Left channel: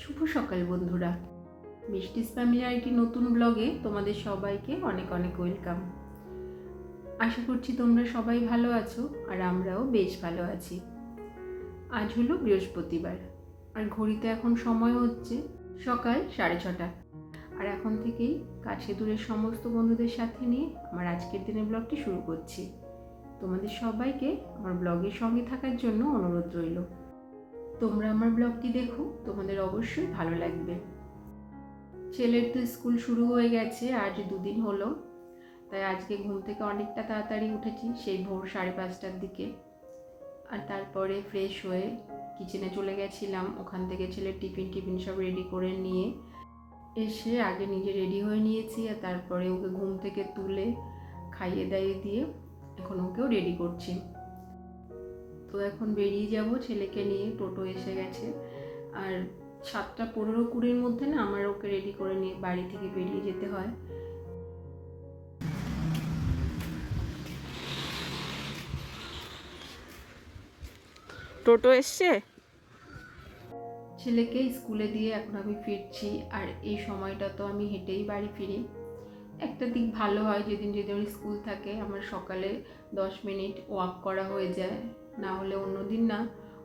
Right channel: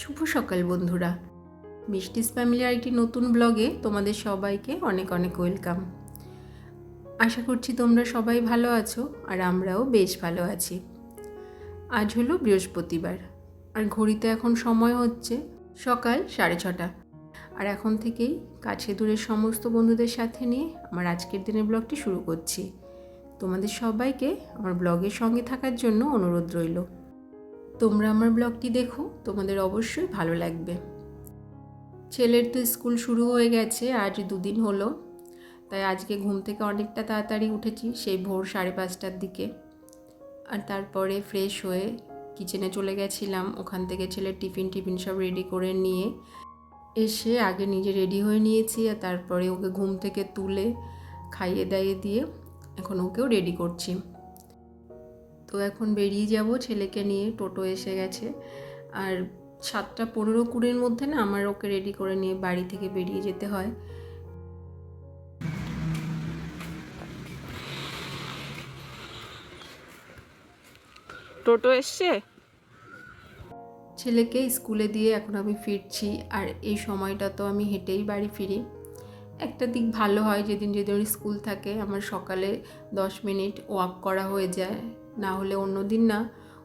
শুভ সকাল বন্ধুরা, মিষ্টিস ফ্যামিলির একটি নতুন ব্লগে তোমাদের সবাইকে অনেক অনেক ওয়েলকাম। আশা করছি তোমরা সবাই ভালো আছো আর আমরাও বেশ ভালো আছি। আজ হলো বৃহস্পতিবার আর ঘড়িতে এখন সময় হচ্ছে সকাল 6:30। আর এখন থেকেই কাছে দূরের সমস্ত বন্ধুদের সাথে নিয়ে আমার আজকের দিনের ব্লগটি শুরু করছি। তোমাদের সবাইকে আমার ব্লগের সঙ্গে থাকার জন্য অনুরোধ রইল। তোমরা আমার ব্লগটি দেখো, তোমাদের অবশ্যই ভালো লাগবে। ছেলের তো স্কুল শুরু হয়ে গেছে, আজ 2 দিন হলো, তাই আজকে ঘুম থেকে অনেকটা তাড়াতাড়ি উঠেছি, সেই ভোর 5:30টার দিকে। আর তারপরে ফ্রেশ হয়ে কিচেনে চলে গেছিলাম। ওখান থেকে ছেলের টিফিন সব রেডি করে নিয়ে এসে আগে নিজে রেডি হয়ে নিয়েছি, আর তারপরে ওকে ঘুম থেকে তুলে খাইয়ে দাইয়ে দিয়ে এখন ওকেও রেডি করছি। তো এখন বেরিয়ে যাব ছেলেকে নিয়ে। টোটো এসে গেছে আর 7:15-20-র মধ্যে না আমার ওকে রেডি করে নিয়ে বাড়ি থেকে বেরিয়ে যেতে হয়। টোটো এসছে। ছেলেকে স্কুলে দিয়ে এখন আমি ফিরছি, আর এই সময়টা তো আমি হেঁটেই বাড়ি ফিরি। একটা দিক ভালো হয়, যেদিন স্কুল থাকে আমার সকালে 10 মিনিট ওয়াক করা হয়ে যায়। না হলে অন্য দিন না,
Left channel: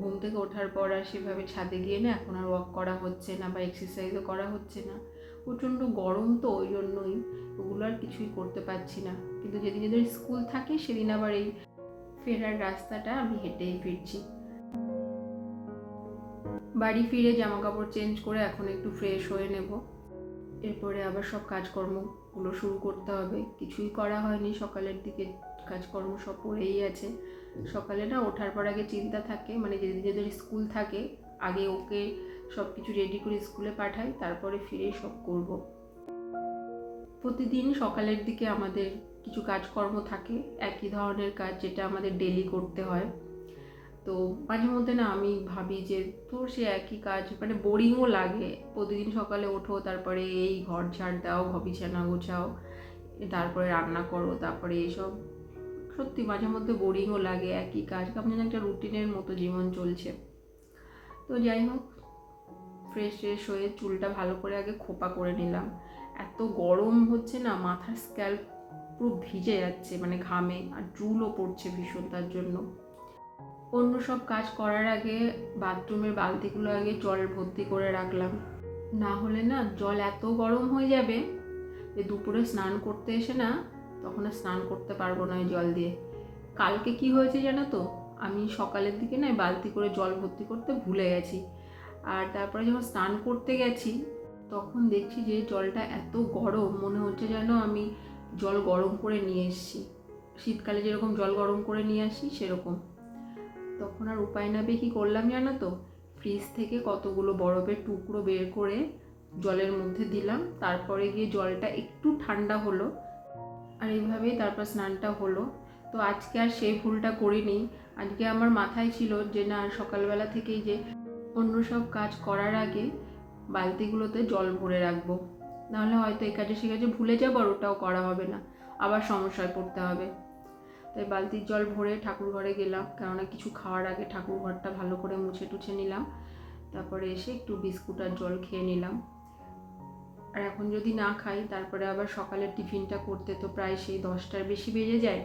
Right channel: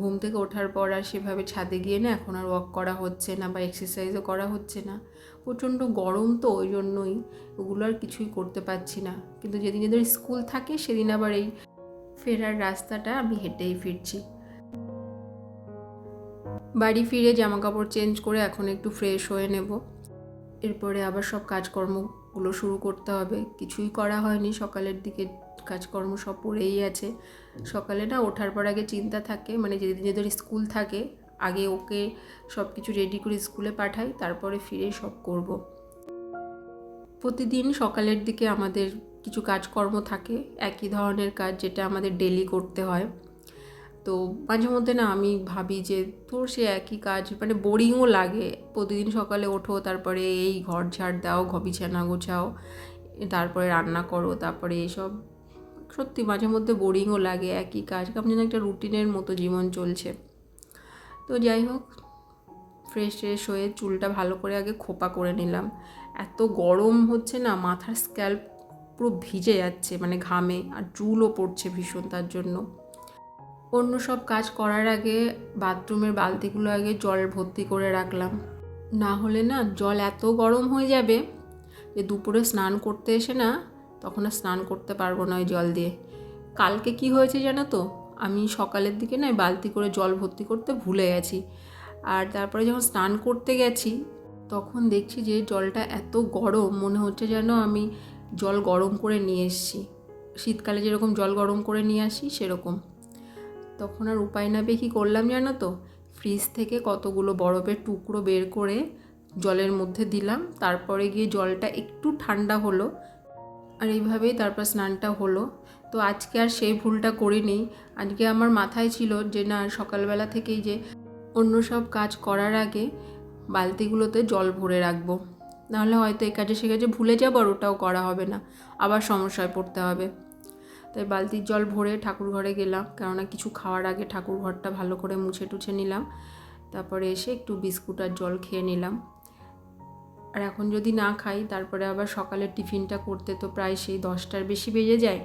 ঘুম থেকে ওঠার পর আর সেভাবে ছাদে গিয়ে না এখন আর ওয়াক করা হচ্ছে না বা এক্সারসাইজও করা হচ্ছে না। প্রচণ্ড গরম তো, ওই জন্যই ওগুলো আর কিছুই করতে পারছি না। কিন্তু যেদিন স্কুল থাকে সেদিন আবার এই ফেরার রাস্তাটা আমি হেঁটেই ফিরছি। বাড়ি ফিরে জামা কাপড় চেঞ্জ করে এখন একটু ফ্রেশ হয়ে নেব। এরপরে আবার সব কাজকর্মগুলো শুরু করতে হবে। কিছুই করা হয়নি সকালের দিকে, কাজকর্ম সব পড়েই আছে। সকালে না ওঠার পর আগে চিন্তা থাকে, মানে যেদের স্কুল থাকে আগে ওকে সব কিছু রেডি করে স্কুলে পাঠাই, তারপরে ফিরেই সব করব। প্রতিদিন সকালের দিকে আমাদের কিছু কাজকর্ম থাকে, একই ধরনের কাজ যেটা আমাদের ডেলি করতে হয়। তো মাঝে মধ্যে না আমি ভাবি যে তোর সে একই কাজ, মানে বোরিংও লাগে। প্রতিদিন সকালে ওঠো, তারপরে এই ঘর ঝাড় দাও, বিছানা গোছাও, তারপরে রান্না করো, তারপরে এইসব। সত্যি মাঝে মধ্যে বোরিংও লাগে, একই কাজ, কেমন যেন একটা রুটিনের মতো জীবন চলছে। তো যাই হোক, ফ্রেশ হয়ে চুলটা ভালো করে আগে খোপা করে নিলাম। এত গরম হচ্ছে না, মাথার স্ক্যাল্প পুরো ভিজে যাচ্ছে, মানে ঘামে, আর চুলও পড়ছে ভীষণ। তার জন্য অন্য সব কাজ করার আগে বাথরুমের বালতিগুলো আগে জল ভর্তি করে রাখলাম। না হলে না জল এত গরম হয়ে যাবে যে দুপুরে স্নান করতে এসে না তখন আর স্নান করতে পারবো না ওই জল দিয়ে। কালকে কি হয়েছে জানো তো, আমি সকালের দিকে না বালতি করে জল ভর্তি করতে ভুলে গেছি। আর তারপরে যখন স্নান করতে গেছি তখন দেখছি যে জলটা এত গরম, মনে হচ্ছে যেন আমি জল গরম করে নিয়ে এসেছি, শীতকালে যেরকম জল গরম করে নিয়ে আসি সেরকম। তখন আর উপায় না পেয়ে কী করলাম জানো তো, ফ্রিজ থেকে কতগুলো বরফের টুকরো বের করে জলের মধ্যে দিলাম। তারপরে গিয়ে জলটা একটু ঠান্ডা হলো, আর এইভাবেই তারপর স্নানটা হলো। তো আজকে আর সেই ভুলটা করিনি। আজকে আমার মাথায় ছিল যে না, সকালবেলা থেকেই যে অন্য সব কাজ করার আগে বালতিগুলোতে জল ভরে রাখবো, নাহলে হয়তো এ কাজে সে কাজে ভুলে যাবো আর ওটাও করা হবে না, আবার সমস্যায় পড়তে হবে। তাই বালতির জল ভরে ঠাকুর ঘরে গেলাম, কেননা কিছু খাওয়ার আগে ঠাকুর ঘরটা ভালো করে মুছে টুছে নিলাম। তারপরে এসে একটু বিস্কুট আর জল খেয়ে নিলাম। আর এখন যদি না খাই তারপরে আবার সকালের টিফিনটা করতে তো প্রায় সেই 10টার বেশি বেজে যায়।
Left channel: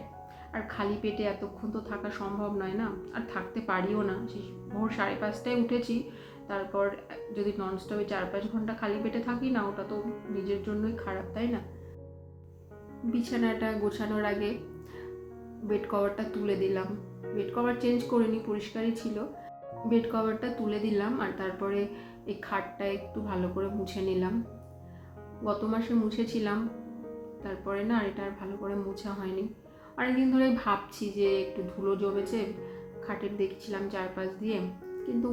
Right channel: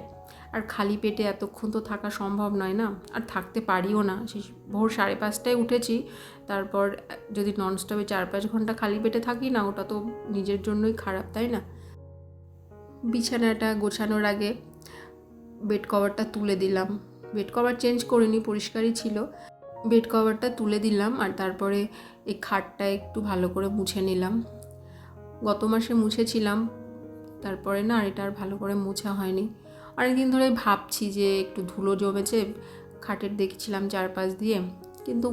আর খালি পেটে এতক্ষণ তো থাকা সম্ভব নয় না, আর থাকতে পারিও না। সেই ভোর 5:30টায় উঠেছি, তারপর যদি ননস্টপে 4-5 ঘন্টা খালি পেটে থাকি না, ওটা তো নিজের জন্যই খারাপ, তাই না? বিছানাটা গোছানোর আগে বেড কভারটা তুলে দিলাম। বেড কভার চেঞ্জ করিনি, পরিষ্কারই ছিল। বেড কভারটা তুলে দিলাম, আর তারপরে এই খাটটা একটু ভালো করে মুছে নিলাম। গত মাসে মুছেছিলাম, তারপরে না আর এটা আর ভালো করে মোছা হয়নি। অনেকদিন ধরে ভাবছি যে একটু ধুলো জমেছে খাটের, দেখছিলাম চারপাশ দিয়ে, কিন্তু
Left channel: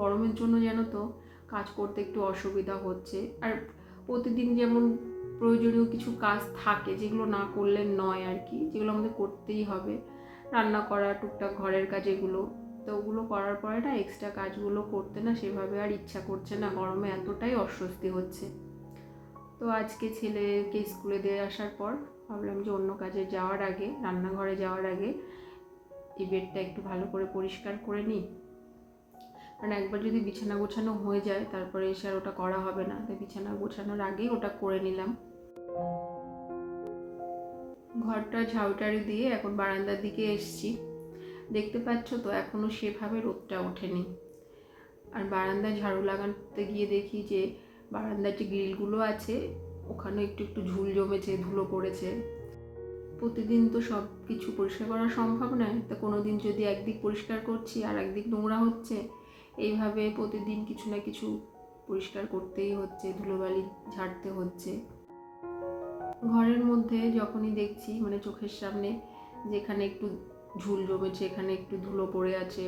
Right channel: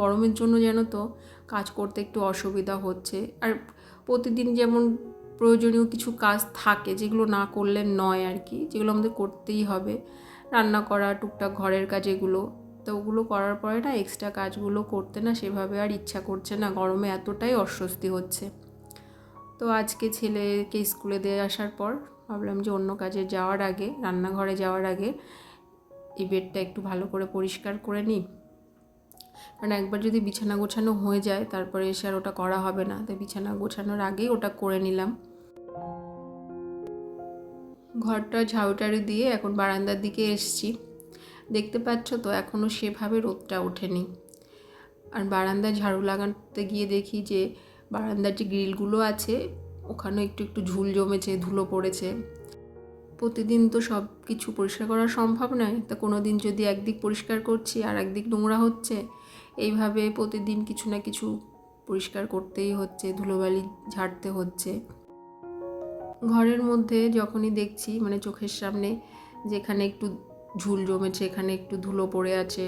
গরমের জন্য যেন তো কাজ করতে একটু অসুবিধা হচ্ছে। আর প্রতিদিন যেমন প্রয়োজনীয় কিছু কাজ থাকে যেগুলো না করলে নয় আর কি, যেগুলো আমাদের করতেই হবে, রান্না করা, টুকটাক ঘরের কাজ, এগুলো তো ওগুলো করার পরে না এক্সট্রা কাজগুলো করতে না সেভাবে আর ইচ্ছা করছে না, গরমে এতটাই অস্বস্তি হচ্ছে। তো আজকে ছেলেকে স্কুলে দিয়ে আসার পর ভাবলাম যে অন্য কাজে যাওয়ার আগে, রান্নাঘরে যাওয়ার আগে এই বেডটা একটু ভালো করে পরিষ্কার করে নিই। কারণ একবার যদি বিছানা গোছানো হয়ে যায় তারপরে এসে আর ওটা করা হবে না, তাই বিছানা গোছানোর আগেই ওটা করে নিলাম। ঘরটা ঝাড়ুটাড়ি দিয়ে এখন বারান্দার দিকে এসছি। দেখতে পাচ্ছ তো এখনও সেভাবে রোদটা ওঠেনি। আর বারান্দায় ঝাড়ু লাগাতে গিয়ে দেখি যে বারান্দার যে গ্রিলগুলো আছে ওখানে একটু একটু ঝুল জমেছে, ধুলো পড়েছে। প্রতিদিন তো সব কিছু পরিষ্কার করা সম্ভব নয়, তা কোনো দিন যদি একদিক পরিষ্কার করছি আর একদিক নোংরা হচ্ছে, এইভাবে প্রতিদিন কিছু না কিছু পরিষ্কার করতেই হচ্ছে, ধুলোবালি ঝাড়তে হচ্ছে। ঘরের মধ্যে যখনই দেখছি মানে চোখের সামনে যেখানে একটু ঝুল জমেছে, এখানে একটু ধুলো পড়ে আছে,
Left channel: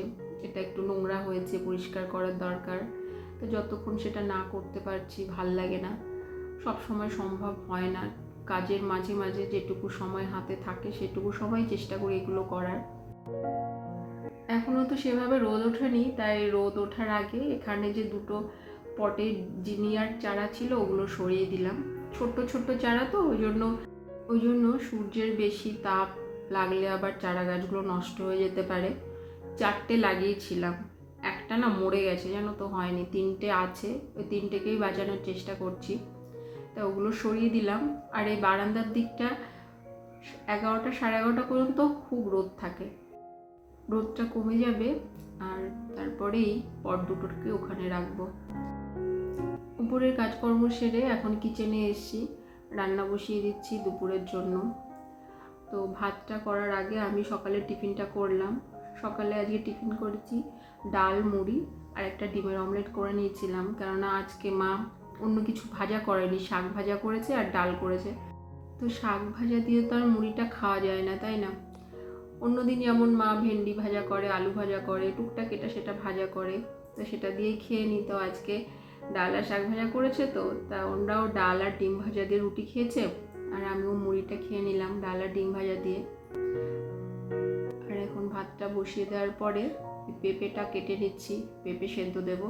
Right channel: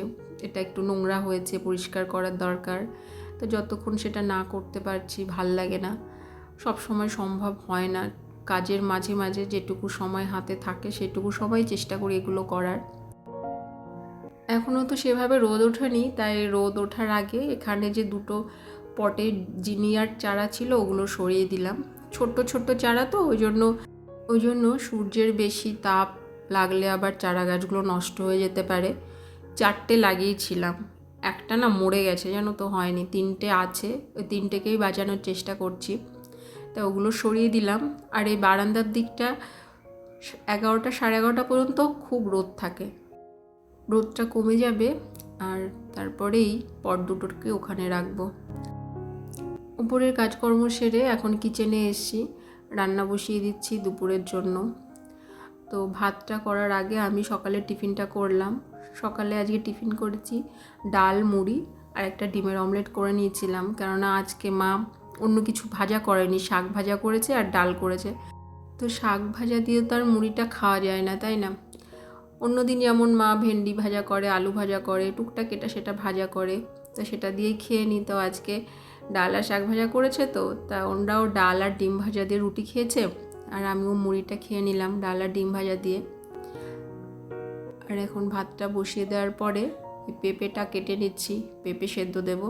এটা একটু নোংরা হয়েছে, পরিষ্কার করার দরকার, তো যতক্ষণ সেটা না করতে পারছি ভাল লাগে না। সব সময় সম্ভব হয় না, কাজের মাঝে মাঝে যেটুকু সময় হাতে থাকে সেটুকু সময় চেষ্টা করি এগুলো করার। এখনও তো সেভাবে রোদ ওঠেনি, তাই রোদ ওঠার আগে এখানে যে দুটো পটে জিনিয়ার চারা ছিল ওগুলো সরিয়ে দিলাম। ছোট্ট ছোট্ট চারা তো ওই জন্য সূর্যের বেশি তাপ লাগলে আবার চারা গাছগুলো নষ্ট হয়ে যেতে পারে। 4টে লাগিয়েছিলাম, একটা না মরে গেছে, জানো তো, হয়নি। 3টে আছে, ওই 3টেকেই বাঁচানোর চেষ্টা করছি, তা ওগুলো সরিয়ে দিলাম। আর এই বারান্দার দিকটা 11টা সাড়ে 11টা পর্যন্ত খুব রোদ থাকে, রোদটা কমে যাবে আর তারপরেই পট দুটোকে ওখানে রাখবো। উপরের কাজকর্ম সেরে এখন কিচেনে এসেছি, রান্না বসিয়ে দিচ্ছি দুপুরের জন্য। তো ভাতটা করার আগে আমি সকালে টিফিনটা করলাম। সকালে আজকে টিফিন করেছি ডাল, মুড়ি আর একটা ডিমের অমলেট করে নিয়েছিলাম, কেননা আজকে মা অন্য কিছু ভাজা করেনি, শাক ভাজা করেছে আর ডাল করেছে। তো শাক ভাজা দিয়ে তো আর মুড়িটা খাওয়া যায় না, তাই না? অন্যদিন যেমন মা ভেন্ডি ভাজা করে, আলু ভাজা করে, টুকটাক এটা সেটা ভাজা করে, তো সেটা দিয়েই খেয়ে নিই। তো আজকে ডাল আর শাক ভাজা করেছে, তো তা ওরাও ডাল আর ডিম ভাজা দিয়ে রুটি খেয়েছে, আর আমিও মুড়িটা খেয়ে নিলাম ডাল আর ডিম ভাজা দিয়ে। আর এখন ভাতটা বসিয়ে দেওয়ার পরে পেঁপেটা কেটে নিচ্ছি, পেঁপে সেদ্ধ দেব।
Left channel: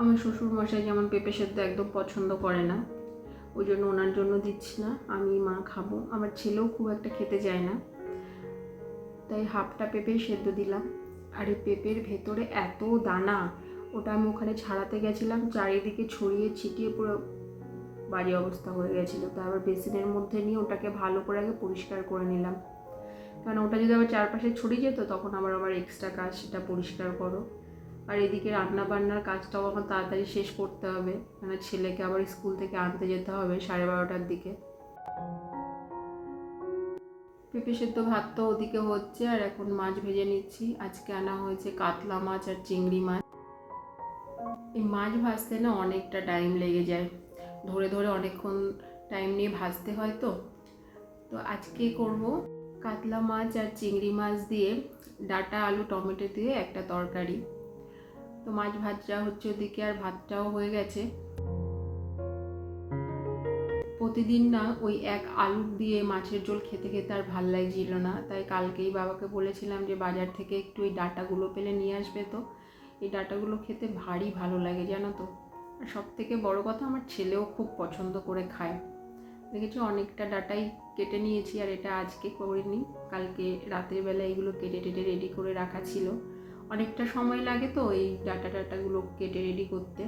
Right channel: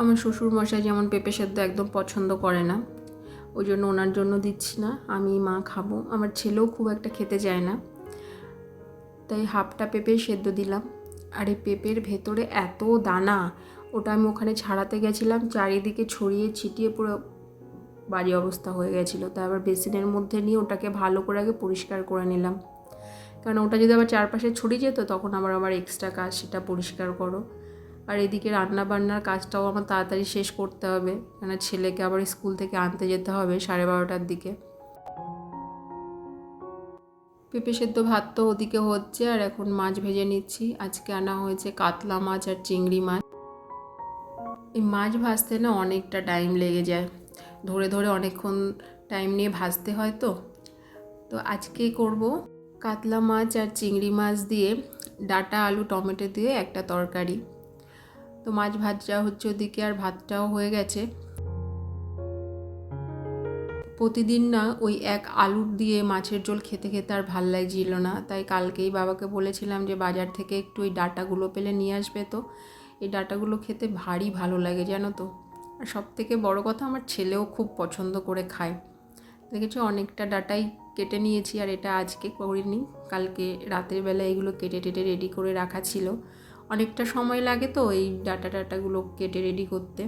আমার শ্বশুর মশাই যেমন পেঁপে সেদ্ধ একদম পছন্দ করে না, ওই জন্য ওনার জন্য দিচ্ছি না, আমি মা খাবো। আমার ছেলেও খুব একটা খেতে চায় না, তাই হাফটা পেঁপে সেদ্ধ দিলাম। আর এই পেঁপের ভেতরে এত দানা, ওটা আমি ওখানে ছাড়াতে গেছিলাম, চারিদিকে ছড়িয়ে ছিটিয়ে পুরো বাজে অবস্থা হয়ে গেছিলো। তাই আবার বেসিনের মধ্যে নিয়ে ওটাকে ভালো করে আগে পরিষ্কার করে নিলাম, কারণ ওটা যদি আবার চারপাশে ছড়িয়ে যেত তখন আবার এক্সট্রা কাজ, সেটা পরিষ্কার করো। আর এদিকে রান্না বান্নার কাজটাও আমার তাড়াতাড়ি শেষ করতে হবে, কেন ছেলেকে আবার স্কুল থেকে আনতে যেতে হবে 12:30টার দিকে। পেঁপে সেদ্ধ ভাত তো ওদিকে হচ্ছে, আর এখন মাছ ভেজে নিচ্ছি। আজকে আনা হয়েছে কাতলা মাছ আর চিংড়ি মাছ। এই মাছ ভাজতে না অনেকটা টাইম লেগে যায়, ধরে ধরে অনেকক্ষণ টাইম নিয়ে ভাজতে হয়। তো আজকে করব কাতলা মাছ আর চিংড়ি মাছ দিয়ে ডাঁটা, আলু, টমেটো দিয়ে একটা তরকারি। তো মাছ ভাজা হচ্ছে ওদিকে, আর ভাতটাও হয়ে গেছে। প্রতিদিন না ওই এক আলু দিয়ে মাছের ঝোল খেতে খেতে আর ভাল লাগছিল না, তাই কালকেই বাবাকে বলেছিলাম যে বাজার থেকে একটু ওই ডাঁটাগুলো পেলে নিয়ে আসবে। তো এই ডাঁটাগুলো খেতে ভারী ভালো লাগে, জানো তো। আর সবথেকে বড় কথা, আমার ছেলেও খুব পছন্দ করে খায়। দেখেছো, অনেকটা ডাঁটাই কেটে নিয়েছি, আর এটা আজকে করিনি, কালকে রাতের বেলা এগুলো কেটে টেটে রেডি করে রাখা ছিল। অনেকটা সময় লাগে তো এই ডাঁটাগুলো কেটে রেডি করতে,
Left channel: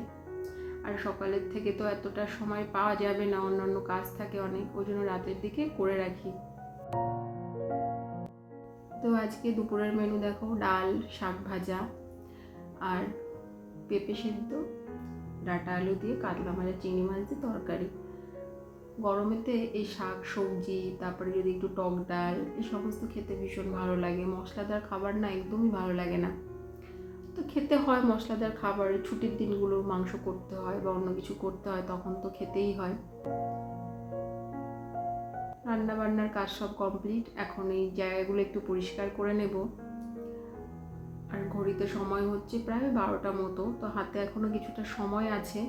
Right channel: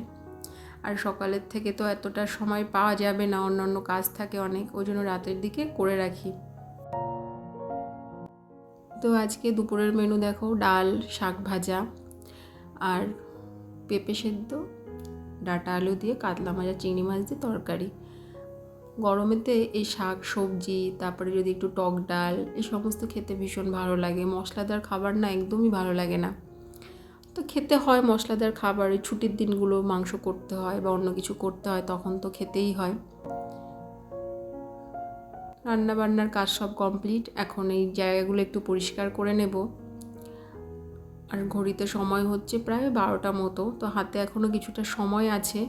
আর সকালের থেকে তো এতটা সময় পাওয়া যাবে না, অন্যান্য কাজ থাকে অনেক, ওই জন্য রাতের দিকে করে রাখি। তো আজকে দুপুরের মেনু দেখো, ডাল, শাক ভাজা আর পেঁপে সেদ্ধ, ডাঁটা আলু দিয়ে কাতলা মাছ, চিংড়ি মাছ দিয়ে তরকারি। গরমেতে এই শাক সবজি, তারপরে যদি একটু টক ডাল, এই সমস্ত খেতে ভীষণ ভালো লাগে। মশলাদার খাবার না একদমই ভালো লাগে না, তো খেতে হয় মশলাদার খাবার। ছুটির দিনগুলো মাংস করতে হয় বা অন্য কিছু করতে হয়, তখন তো খেতেই হয়। রান্না বান্নার কাজ সব কমপ্লিট, এখন এই জায়গাগুলো একটু পরিষ্কার করে নেব। আর ঘড়িতে সময় হচ্ছে প্রায় 12টা মতো, তো হাতে এখনও কিছুটা সময় আছে।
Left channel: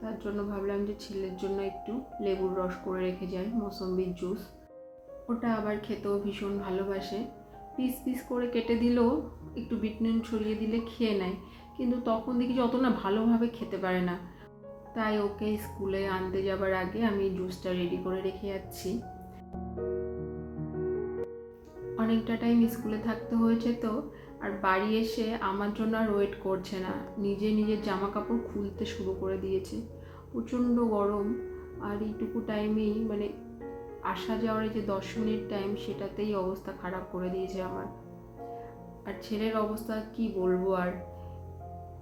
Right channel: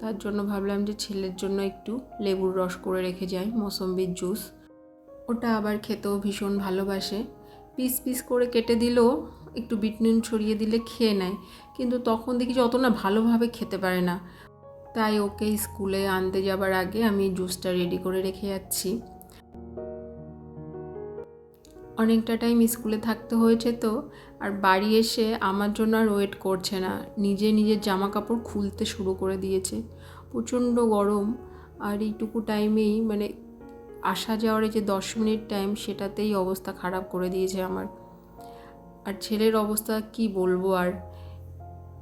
তার জন্য ভাবলাম যে ছেলের জন্য একটু লেবুর রস করে রেখে যাই, মৌসম্বির জুস। ওটা আবার খেতেও ভীষণ ভালোবাসে, পিস পিস করে কেটে দিলেও একটু বিট নুন ছড়িয়ে দিলে খেয়ে নেয়, কিন্তু তখন দেখি যে অত না ভালোভাবে খেতে পারে না। তাই ওকে স্কুলে আনতে যাবার আগে আমি জুসটা রেডি করে রেখে যাচ্ছি। অনেকটা টাইম স্কুলে থাকতে হয়েছে, তো আর বাড়ি এসে আমার জন্য আর ওয়েট করছে না, নিজের জামা কাপড় খুলতে শুরু করে দিয়েছে। প্রচণ্ড গরম, আর এইটুকু টাইমেই মানে আসা যাওয়ার এই যে 10 মিনিট টাইম, সেটাতেই অবস্থা খারাপ করে দিয়েছে আমার। আর ছেলের অবস্থা কি বলবো। আর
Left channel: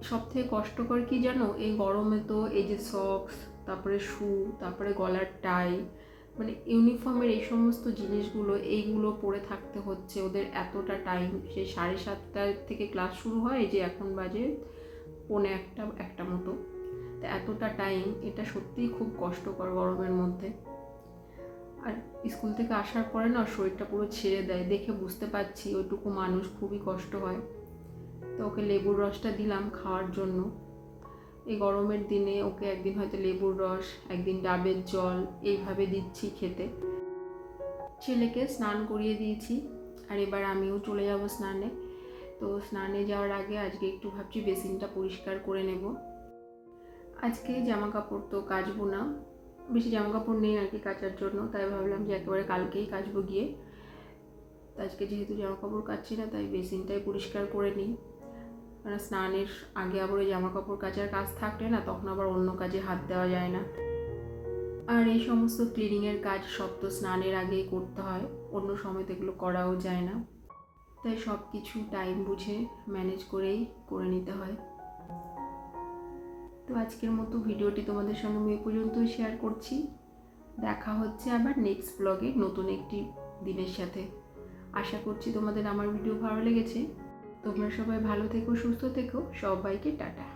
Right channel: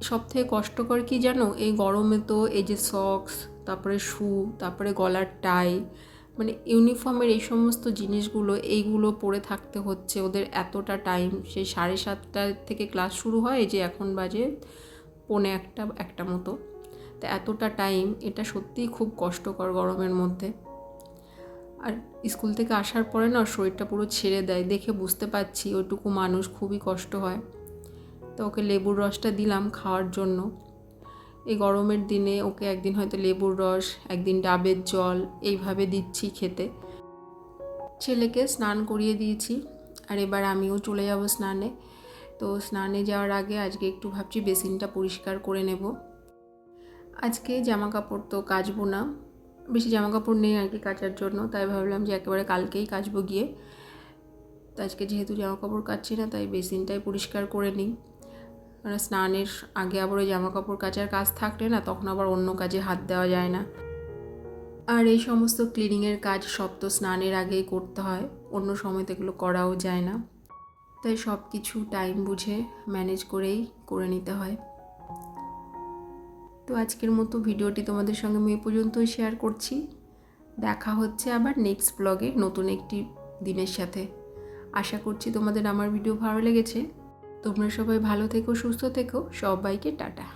সবথেকে কষ্টকর কি জানো, এই গরমে তো এই যে সক্স, তারপরে শু, তারপরে গলার টাই, মানে ইউনিফর্মের এই সমস্ত জিনিসগুলো, এইগুলো পরে থাকতে হচ্ছে ওদের এতটা টাইম। সেই 7:30 থেকে ক্লাস শুরু হয়, এই যে এখন বাজে 1:45 মতো। তা এতটা টাইম, এটা সত্যিই খুব কষ্টকর গরমের মধ্যে। আর স্কুল থেকে আসার পরে না শরীরটা পুরো ছেড়ে দেয়, দেখে বুঝতে পারছি ওইটুকু মানুষ খুবই কষ্ট হয়। তো ওকে লেবুর রসটা দিলাম খাওয়ার জন্য। এই গরমের দিনে ওকে একদিন হয়তো লেবুর রস, একদিন ডাবের জল, এইভাবে দিচ্ছি খেতে। ছেলেকে স্নান করিয়ে দিয়েছি, আর এবার আমিও চলে যাব স্নানে। তো স্নানে যাওয়ার আগে আজকে একটু ভাবছি বেসিনটা পরিষ্কার করে নেব। আজকে জামা কাপড় তো কাচবো না, বেশি জামা কাপড় নেই আর কি কাচার জন্য, তাই ভাবলাম যে একেবারে কালকেই কাচবো গিয়ে। তো আজকে যেহেতু জামা কাপড় কাচ্ছি না, তাই বেসিনটাই পরিষ্কার করে নিই। মানে স্নানের আগে আবার ওই জামা কাপড় কাচার কাজ থাকলে না, তখন আবার অন্য কাজে হাত দেওয়া যায় না। আর এই সমস্ত ক্লিনিংয়ের কাজ সব তো স্নানের আগেই করতে হয়, অন্য সময় তো এগুলো করাও যায় না। তাই সব কিছু টাইম বুঝে ম্যানেজ করেই করে নিতে হয়। তো আজকের মতো ভিডিওটি তোমাদের সঙ্গে আমি এ পর্যন্তই শেয়ার করছি। দেখা হচ্ছে আবার নেক্সট ব্লগে নতুন একটি দিনের সাথে। আশা করছি তোমাদের আমার ভিডিও ভালো লেগেছে। তোমরা সবাই ভালো থেকো, সুস্থ থেকো। সবাইকে টাটা।